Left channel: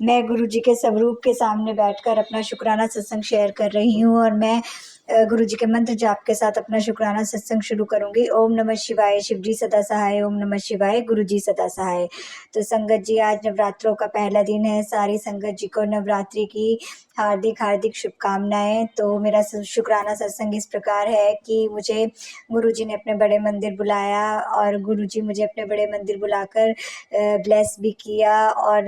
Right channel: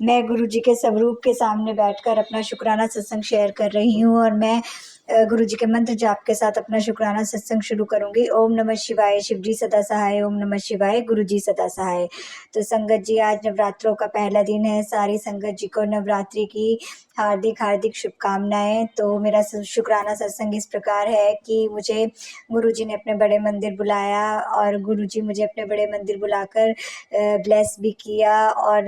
मैं गुरुजी के स्वरूप के सामने बैठकर अपना शुक्राना सत्संग शेयर कर रही हूँ और मैं गुरुजी के मंत्र जाप के साथ अपना शुक्राना सत्संग शुरू करूंगी। ओम नमः शिवाय, शिव जी सदा सहाय। ओम नमः शिवाय, गुरुजी सदा सहाय। तो संगत जी, आज नवरात्रों का पहला दिन है। सारी संगत जी को नवरात्रि की हार्दिक हार्दिक शुभकामनाएं। तो मेरा शुक्राना सत्संग इस प्रकार है कि मुझे गुरुजी ने अपने बड़े मंदिर बुलाया और गुरुजी मुझे अपने बड़े मंदिर बुलाकर ब्लेस भी किया और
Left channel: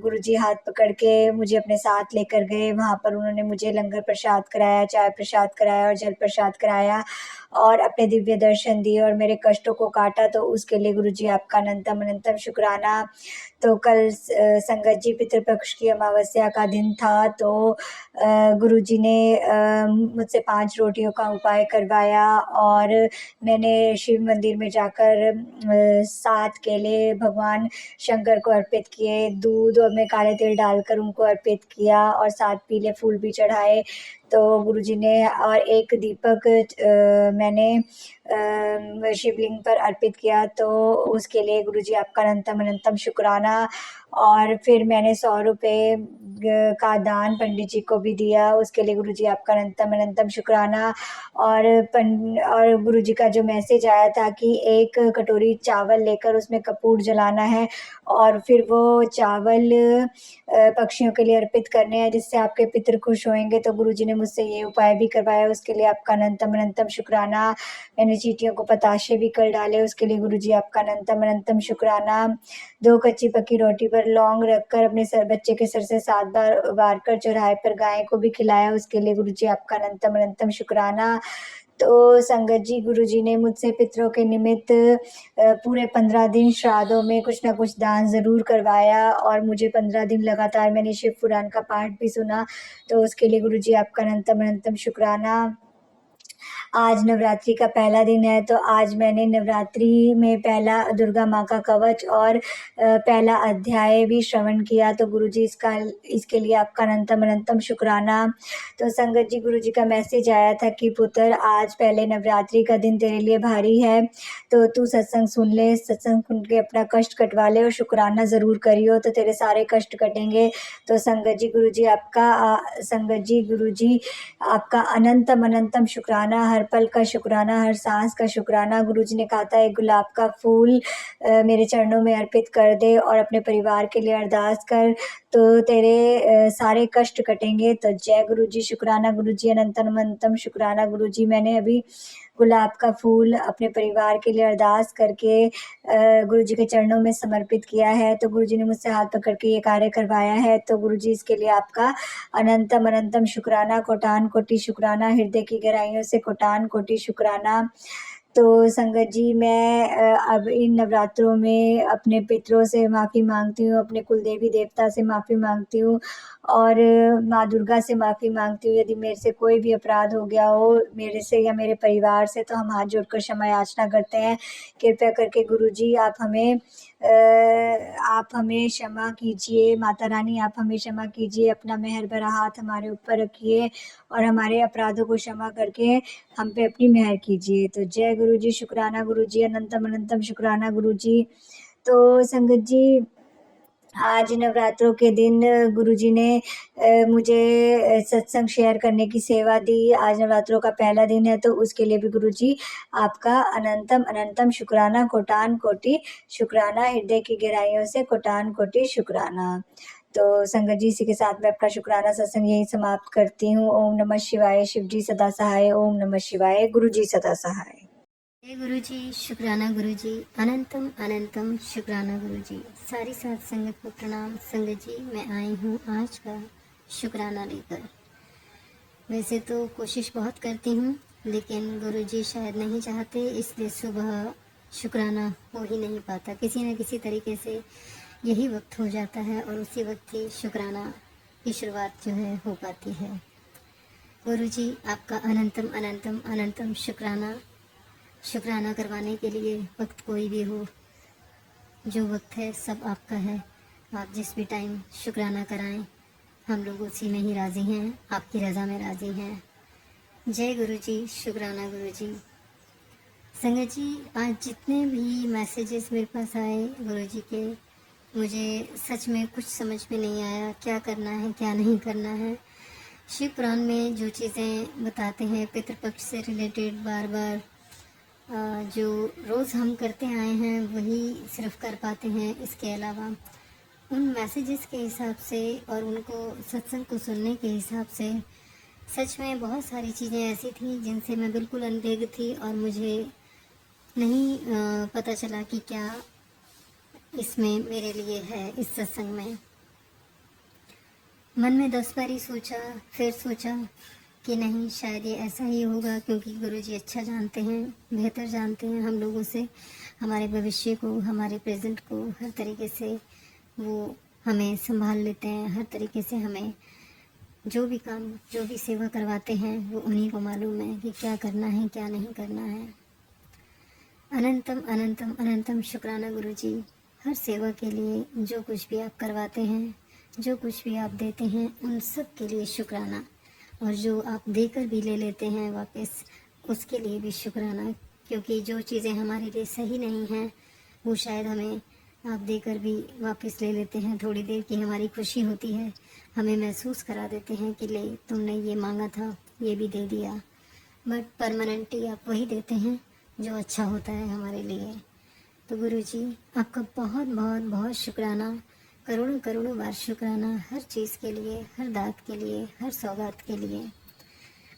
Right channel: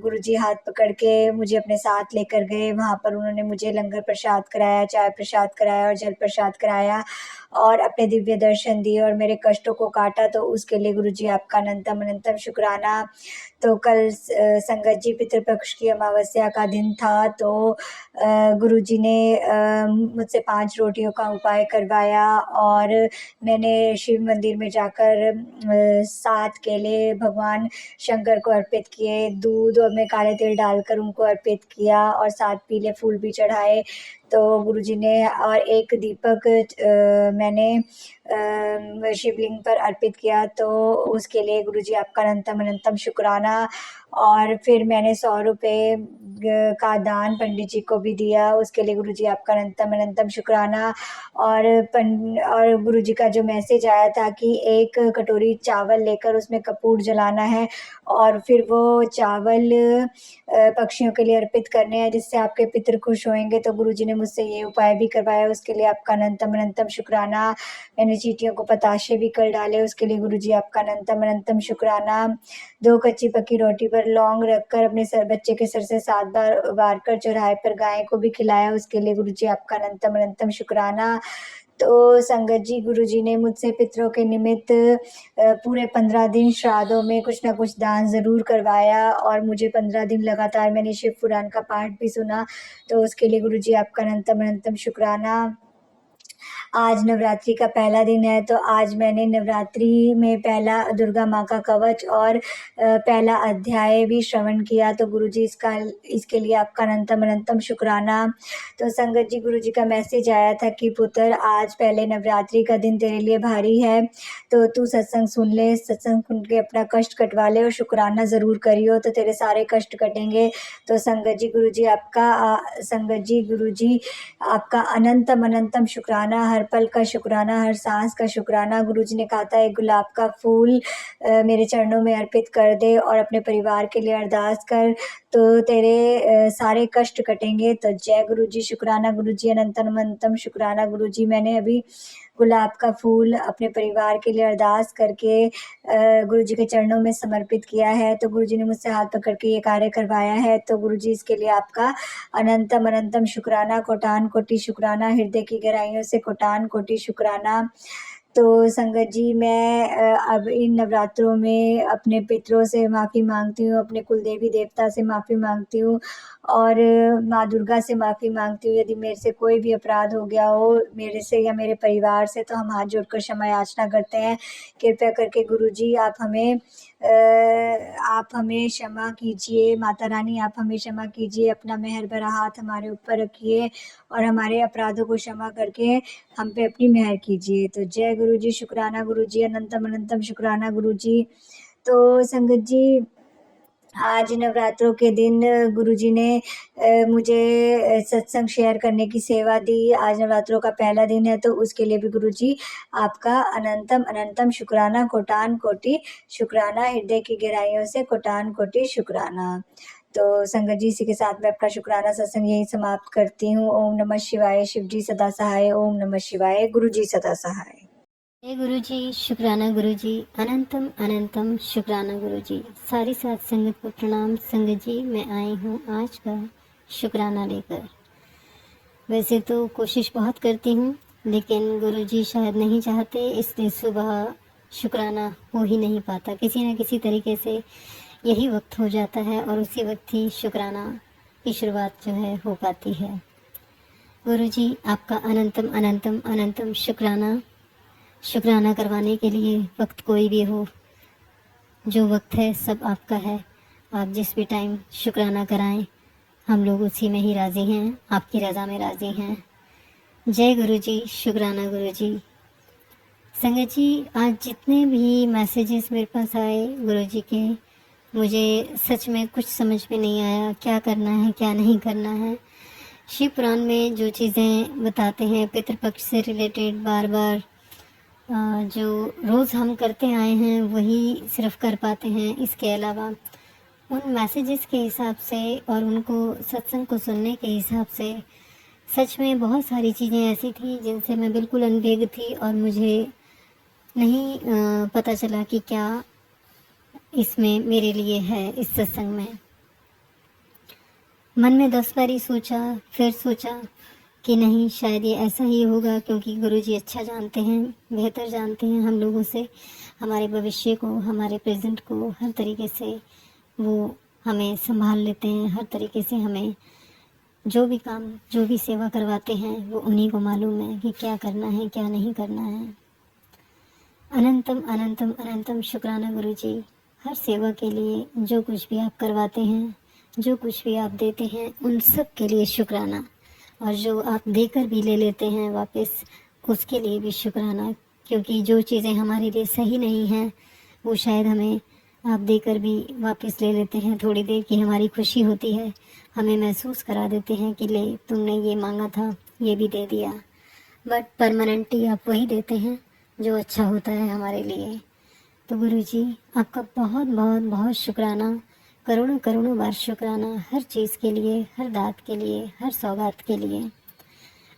गुरुजी हाथ पकड़ के मुझे अपने साथ लेकर गए। वहाँ पर उन्होंने मुझे लंगर प्रसाद कराया, चाय प्रसाद कराया और जल प्रसाद कराया और अपने दिव्य दर्शन दिए और मेरे कष्टों को काटा। तो उसके लिए गुरुजी आपका अनंतम अनंतम शुक्राना। तो कल संगत जी पितृपक्ष की अमावस्या का दिन था। तो गुरुजी ने मुझसे 5 रोटियों का उपाय करवाया और मैंने शिव मंदिर में जाकर 7 केले भगवान शंकर को अर्पित किए, दूध और में काले तिल डालकर उनको अर्पित किया और 7 पीले फूल भी चढ़ाए। तो गुरुजी ने और एक दीपक मैंने शिवलिंग पर अर्पित किया। तो उसके लिए गुरुजी आपका अनंतम अनंतम शुक्राना। और फिर मैंने 100 रुपये का दान पंडित जी को भी दिया, उसके लिए गुरुजी आपका अनंतम अनंतम शुक्राना। और गुरुजी का जो मैसेज आया था कि एक कटोरी चावल लेकर उसमें कपूर जलाना है और फिर वो चावल पक्षियों के लिए अर्पित करने हैं जिससे आपके पितृ खुश होंगे। तो गुरुजी ने मुझसे ये उपाय भी करवाया, उसके लिए आपका अनंतम अनंतम शुक्राना। मैंने चींटियों को पताशे भी कर डाले, उसके लिए गुरुजी आपका अनंतम अनंतम शुक्राना। 2 कच्ची पक्की रोटी पर लौंग रखकर अपने बच्चे के सर से 7 बार वार कर चौराहे पर गाय को भी खिलाया, उसके लिए गुरुजी आपका अनंतम अनंतम शुक्राना। तो संगत जी, गुरुजी ने मुझसे पितरों के निमित्त पूरे 15 दिन श्राद्धों में कुछ ना कुछ दान ज़रूर करवाया और मुझे 15 दिन लगातार मैंने शिव पुराण का पाठ भी सुना। तो उसके लिए गुरुजी आपका अनंतम अनंतम शुक्राना। आज नवरात्रि का पहला दिन है। तो आज मैंने नवरात्रि में पहला दुर्गा माँ का कवच और पहला अध्याय भी श्रवण किया। तो गुरुजी इसके लिए आपका अनंतम अनंतम शुक्राना। तो संगत जी, गुरुजी का मैसेज आया था कि पुत्र, आज पहले नवरात्रि का दिन तेरे लिए भारी है, तो तू सत्संग सुन ले, सत्संग सुन के अपना कष्ट कटवा ले और शुक्राना ज़रूर करियो तो तेरे सारे कष्ट कटेंगे। तो संगत जी, गुरुजी आपका अनंतम अनंतम शुक्राना, हर पल का शुक्राना, हर सांस का शुक्राना। गुरुजी ने कहा था एक गुलाब का फूल मेरे चरणों में अर्पित कर दे और अपने परिवार के लिए अरदास कर, तो तेरे सारे कष्ट कटेंगे। तो जय गुरुजी, शुक्राना गुरुजी, अनंतम अनंतम शुक्राना गुरुजी। मैंने अभी गुलाब का फूल अपने परिवार के लिए अरदास करके गुरुजी के चरणों में समर्पित किया है। तो गुरुजी ने मुझसे हाथ पकड़ के ये कार्य करवाया है। तो गुरुजी, इसके लिए आपका अनंतम अनंतम शुक्राना, कोटान कोटि शुक्राना, हृदय की गहराइयों से कोटान कोटि शुक्राना। तो संगत जी, मैं अब इन नवरात्रों में अपने पितरों से माफ़ी मांगती हूँ, अपने कुल देवी देवता से माफ़ी मांगती हूँ और माँ दुर्गा से माफ़ी मांगती हूँ। यदि मेरे से कोई भी अपराध हो गया हो, मेरे से या मेरे परिवार से, तो हम हाथ जोड़कर क्षमा याचना करते हैं। कृपया करके गुरुजी आप हमें क्षमा कीजिए। माता रानी, आप हमें क्षमा कीजिए, अपना मेहर भरा हाथ हमारे ऊपर रखिए और हमारे अपराधों को क्षमा करके हम पे अपनी मेहर कीजिए। तो जय गुरुजी, शुक्राना गुरुजी, अनंतम अनंतम शुक्राना गुरुजी। तो संगत जी, आज नवरात्रों के दिन गुरुजी ने मुझे सत्संग शेयर करने की सेवा दी। आज नवरात्रों का पहला दिन है, तो उसके लिए भी गुरुजी आपका अनंतम अनंतम शुक्राना, कोटान कोटि शुक्राना, हृदय की गहराइयों से कोटान कोटि शुक्राना। तो संगत जी, इसी के साथ मैं अपना शुक्राना सत्संग यही समाप्त करती हूँ। ओम नमः शिवाय, शिव जी सदा सहाय। ओम नमः शिवाय, गुरुजी सदा सहाय। जय गुरुजी, शुक्राना गुरुजी, अनंतम अनंतम शुक्राना गुरुजी। सारी साथ संगत को प्रणाम। संगत जी, मैं आई हूँ आज का शुक्राना लेकर। वैसे तो कोशिश बहुत करती हूँ, लेकिन गुरुजी शायद नहीं चाहते, इसलिए सुबह शुक्राना हो ही नहीं पाता। किसी न किसी तरीके से यही वक्त हो जाता है और उसी वक्त ही शुक्राना की शुरुआत जो है हो पाती है। गुरुजी, आपका अनंतम अनंतम अनंतम शुक्राना। शुक्राना करवाने के लिए वक्त कोई भी हो, जो वक्त है सब आपका है। आप जिस भी टाइम शुक्राना कराएं, हम लोग उसी में ही राज़ी हैं, आपकी रज़ा में राज़ी हैं। जय गुरुजी, शुक्राना गुरुजी। संगत जी, आज जितने भी मैसेजेस मेरे पास आए गुरुजी के, मुझे सच में कुछ समझ में नहीं आया क्या करना है क्या नहीं करना है। शिव पुराण में जो चीज़ें बताते हैं पितृपक्ष से रिलेटेड बार बार जो रोज़ हम करते आए हैं वही सिर्फ कर पाते हैं। इसके अलावा उन मैसेजेस के हिसाब से और उनको सत्संग को सुनने के हिसाब से सच में बहुत सारी चीज़ें ऐसी थी जिनसे मैं बिल्कुल अनभिज्ञ थी और मुझे नहीं पता चला कि क्या इसमें मेरे लिए है। इस सत्संग में मन में 10 बारी सोचा, फिर सोचा कि नहीं शायद ये ऐसा ही होगा, क्योंकि गुरुजी अच्छा जानते हैं, बेहतर जानते हैं हम लोगों से, हमारे भविष्य को, हमारे प्रेजेंट को, हर तरीके से वो हमें संभाल लेते हैं। हर तरीके से हमें जो भी काम, जो भी सेवा करवाते हैं वो उन्हीं को मालूम है कि क्या करना है क्या नहीं करना है। अनंतम अनंतम अनंतम शुक्राना गुरुजी, हर सेवा के लिए जो कुछ भी आप करवाते हैं, जो कुछ भी आप देते हैं, उन सब के लिए शुक्राना। और जो आप देकर भी ले लेते हैं वापस, उसके लिए भी शुक्राना। क्योंकि जो चीज़ें हमारे लिए सही नहीं हैं वो शायद हमें आप देकर भी वापस ले लेते हैं। थोड़ी देर की हमारी खुशी होती है, हमें महसूस करा देते हैं कि ले तुमने ये मांगा था, ये भी दे दिया। बट परमानेंटली आप वही देते हैं जो अच्छा होता है हमारे लिए। तो गुरुजी आपका बहुत बहुत बहुत शुक्राना, करोड़ों करोड़ों बार शुक्राना, हर चीज़ के लिए, हर दात के लिए, हर सौगात के लिए।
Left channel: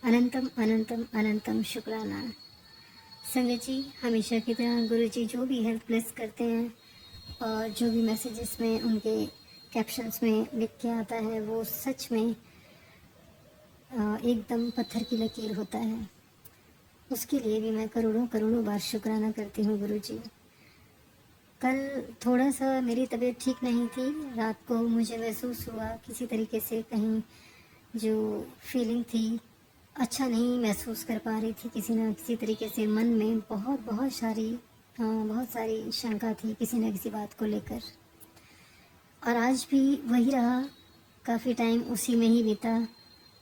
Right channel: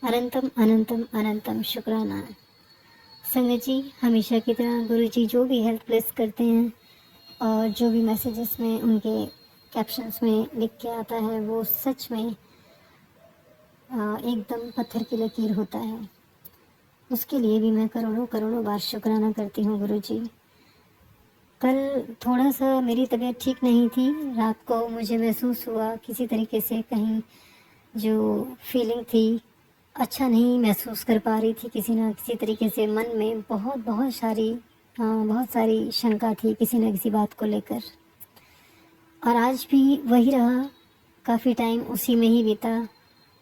अनंतम अनंतम अनंतम शुक्राना। संगत जी हमेशा की तरह गुरुजी जो भी हेल्प प्लेस करते हैं और जो भी मैसेजेस में उनके कैप्शंस में लिख के आता है वो सच में एकदम पत्थर की लकीर होता है। उसके लिए भी मैं करोड़ों करोड़ों बार शुक्राना करती हूँ गुरुजी। कल थोड़ा सा मेरी तबीयत ठीक नहीं थी, रात को मुझे महसूस हुआ किसी तरीके से, कहीं जो फीलिंग थी अच्छा नहीं महसूस कर पा रही थी। किसी न किसी तरीके से मन में बहुत सारी शंका थी किसी न किसी बात को लेकर। और आज भी वही रहा, काफ़ी टाइम उसी में ही बीता।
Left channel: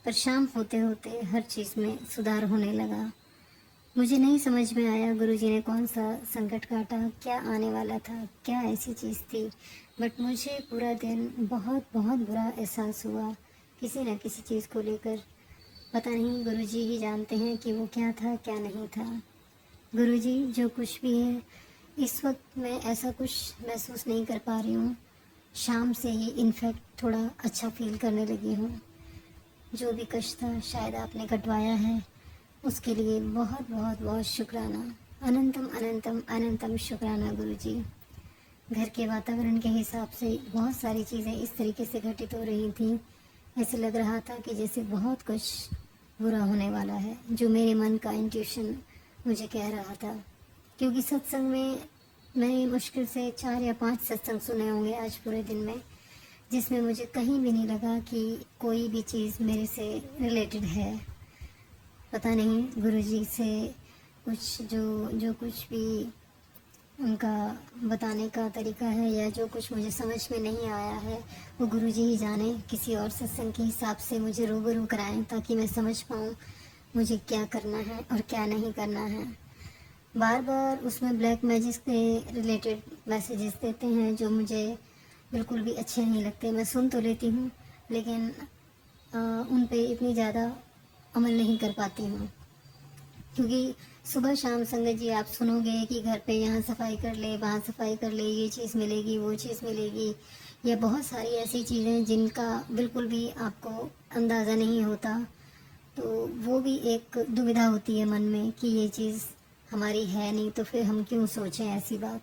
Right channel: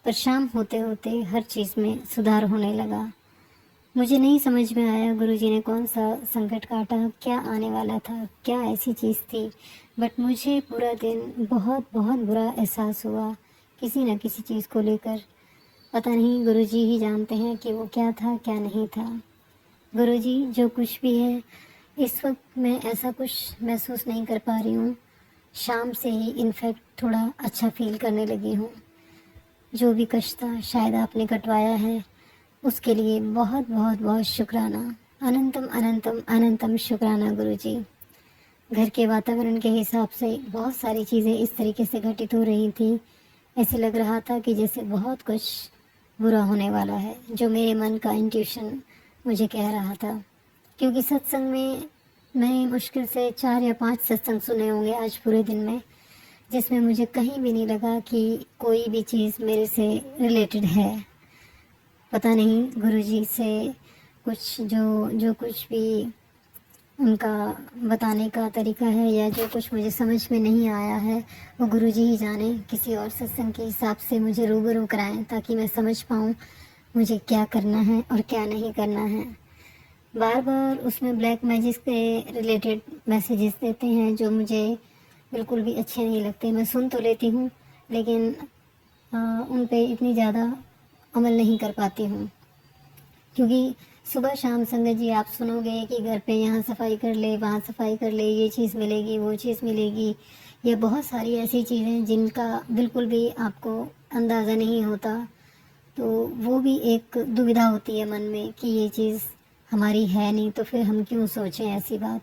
पर शाम होते होते हर चीज़ में सुधार होने लगा। मुझे नहीं समझ में आया गुरुजी ने कौन सा संकट काटा, क्या आने वाला था, क्या ऐसी चीज़ थी। बट मुझे पूरा दिन बहुत बहुत बुरा एहसास हुआ किसी न किसी चीज़ को लेकर। पता नहीं गुरुजी ही जानते हैं कि वो क्या था क्या नहीं था। गुरुजी जो कुछ भी है इस वक्त मैं ऐसा कुछ महसूस नहीं कर पा रही हूँ। शाम से ही इनफैक्ट थोड़ा अच्छा फील करने लगी हूँ। जो भी कष्ट था शायद आपने कटवाया है, उसके लिए बहुत बहुत बहुत शुक्राना। अनंतम अनंतम अनंतम शुक्राना गुरुजी। घर के वातावरण के हिसाब से बहुत सारी चीज़ें इस तरीके से घटित हो रही थी, ऐसे लग रहा था कि जैसे बहुत कुछ बुरा होने वाला है, जो मेरे मन का इंट्यूशन मुझे कह रहा था। क्योंकि सत्संग में मैंने मुश्किल से 4 या 5 सत्संग सुने होंगे आज पूरे दिन में, जिसमें मुझे कहीं भी नहीं लगा कि कोई भी चीज़ मेरे से रिलेटेड है। पता नहीं गुरुजी से कुछ जो कुछ भी उनका बताने का तरीका है या जो कुछ मुझे समझ में नहीं आया है वो गुरुजी ही जाने। किसी और सत्संग के हिसाब से मुझे रूबरू कराएं ताकि मैं समझ पाऊँ मुझे क्या करना है और क्या नहीं करना है। बार बार उसमें ब्लैक मैजिक से रिलेटेड मैसेजेस देते हैं जो मुझे बिल्कुल भी अच्छे नहीं लगते। मैं सुन तो लेती हूँ लेकिन उन पे इतनी ज़्यादा अमल नहीं कर पाती हूँ। क्योंकि सुबह शाम संगत जी आप सुनोगे कि घर पे यहाँ सफाई कर ले, वहाँ सफाई कर ले, ये चीज़ मिलेगी, वो चीज़ मिलेगी। ये बहुत सारी ऐसी चीज़ें जिनका बिल्कुल भी आपको अंदाज़ा नहीं होता। तो वो भी एक दुविधा होती है मन में कि ये चीज़ हमारी है नहीं तो फिर हम क्यों सोचें ऐसी बात।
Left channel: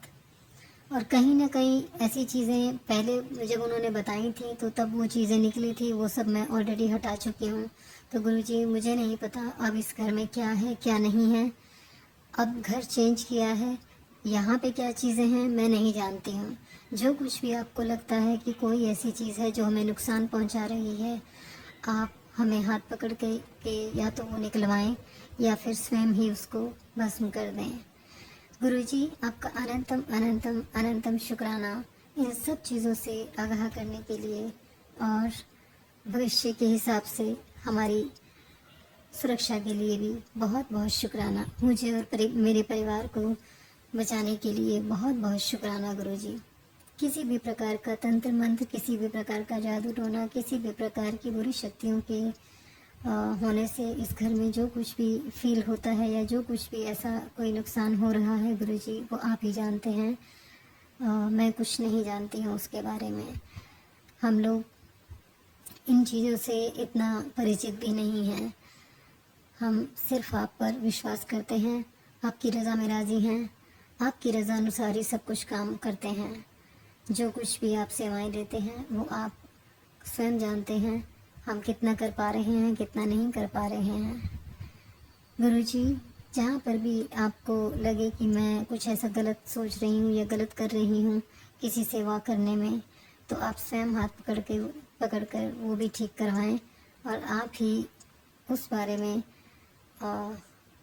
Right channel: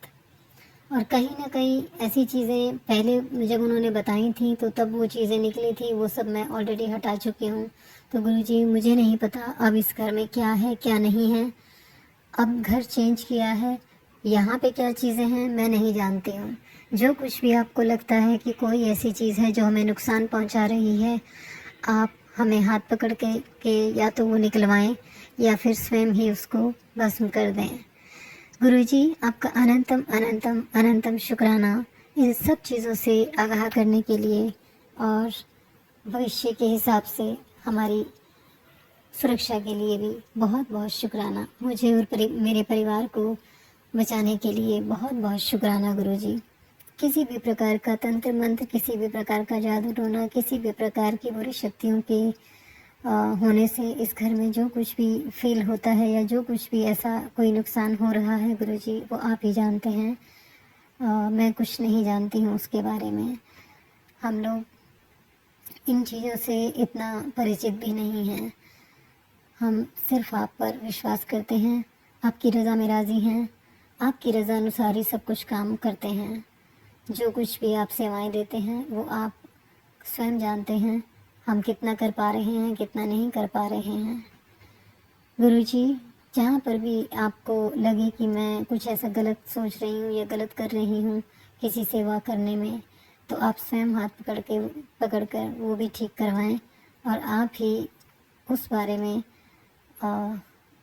और कहीं ना कहीं ऐसी चीज़ें पहले जब उन्होंने बताई थी तो तब वो चीज़ें निकली थी, वो सब मैं ऑलरेडी हटा चुकी हूँ। तो गुरुजी मुझे नहीं पता अब इस घर में क्या है क्या नहीं है। अब घर चेंज किया है, यहाँ पे क्या चीज़ें हैं मैं नहीं जानती हूँ। जो कुछ भी आपको लगता है कि कोई ऐसी चीज़ है जो हमें नुकसान पहुँचा रही है, आप हमें हाथ पकड़ के या तो वो निकलवाएं या फिर स्वयं ही उसको भस्म कर दें। गुरुजी आपका अनंतम अनंतम अनंतम शुक्राना इन सब चीज़ों से आगाह करने के लिए और भविष्य के हिसाब से हमारी सुरक्षा के लिए भी बहुत बहुत शुक्राना। मुझे और मेरे परिवार को बचाने के लिए बहुत बहुत शुक्राना गुरुजी। किसी भी प्रकार का तंत्र मंत्र, किसी भी प्रकार का जादू टोना, किसी भी प्रकार की बुरी शक्तियों के होने से इस घर में जो कुछ भी फील होता है या जो कुछ भी ऐसा कोई नुकसान हो रहा है गुरुजी, वो आप ही जानते हैं। मैं कुछ नहीं जानती हूँ उसके बारे में। हम लोग इन चीज़ों से इतना परिचित भी नहीं हैं। हम सिर्फ आप पर विश्वास करते हैं, आपकी रज़ा में राज़ी हैं, आपकी रज़ा अनुसार ही सब कुछ काम करते हैं। जो कुछ भी आप सेवाएं देते हैं वो आप स्वयं जानते हैं, हम कितना कर पा रहे हैं, कितना नहीं कर पा रहे हैं। गुरुजी, जहाँ पर भी आपको लगे कि मैं कुछ ऐसा गलत सोच रही हूँ या गलत कर रही हूँ किसी सेवा करने में, तो आप स्वयं हाथ पकड़कर वो भी ठीक करवाएं और आप ही उस बारे में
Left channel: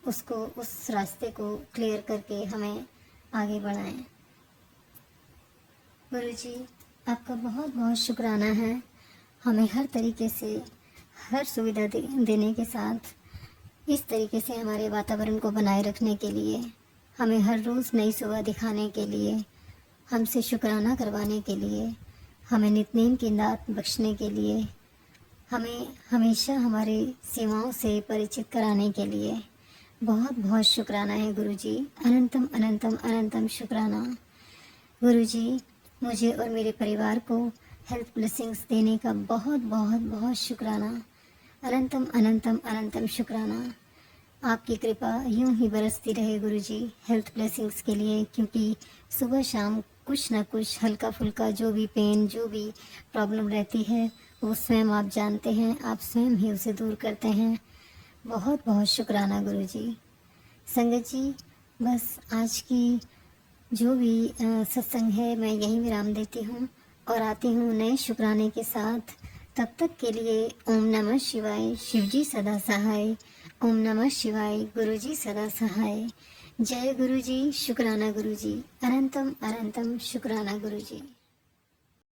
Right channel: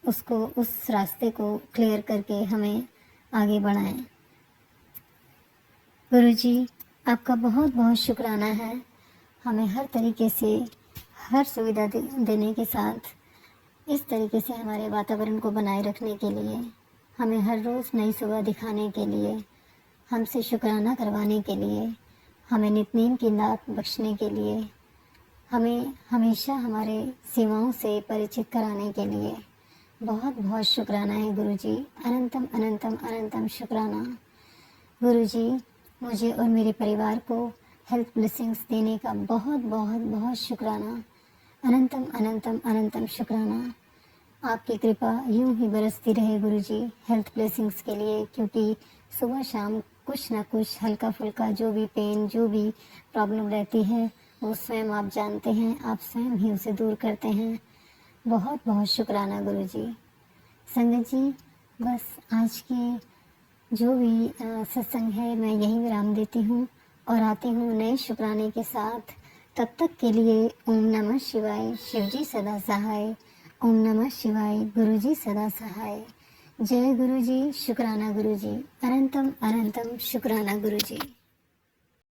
उस रास्ते को क्लियर करके हमें आगे बढ़ाएं। गुरुजी, आपका बहुत बहुत शुक्राना है हमें हर तरीके से, हर सुविधा देने के साथ इस तरीके से हमारे वातावरण को बनाए रखने के लिए, हमें हर रोज़ नई सुबह दिखाने के लिए, हमसे शुक्राना करवाने के लिए, हमें नित्य-नेम की दात बख्शने के लिए, हमें हमेशा हमारे सेवाओं से परिचित कराने के लिए बहुत बहुत शुक्राना है गुरुजी। अनंतम अनंतम अनंतम शुक्राना। गुरुजी, मुझे और मेरे परिवार को हेल्थ ब्लेसिंग्स देने का बहुत बहुत बहुत शुक्राना। अनंतम अनंतम अनंतम शुक्राना। आपकी कृपा यूं ही बरसती रहे गुरुजी हेल्थ ब्लेसिंग्स के लिए, क्योंकि सुबह शाम कुछ ना कुछ हल्का फुल्का जो भी पेन, जो भी प्रॉब्लम रहती है वो स्वयं आप जानते हैं, आप स्वयं ही उसे दूर करते हैं। बहुत बहुत शुक्राना गुरुजी। संगत जी, बस आज की जो भी सत्संग है मैं यहीं विराम देती हूँ और आती हूँ नए शुक्राने के साथ। तब तक के लिए ओम नमः शिवाय, शिवजी सदा सहाय। ओम नमः शिवाय, गुरुजी सदा सहाय। जय गुरुजी, शुक्राना गुरुजी, अनंतम अनंतम शुक्राना गुरुजी।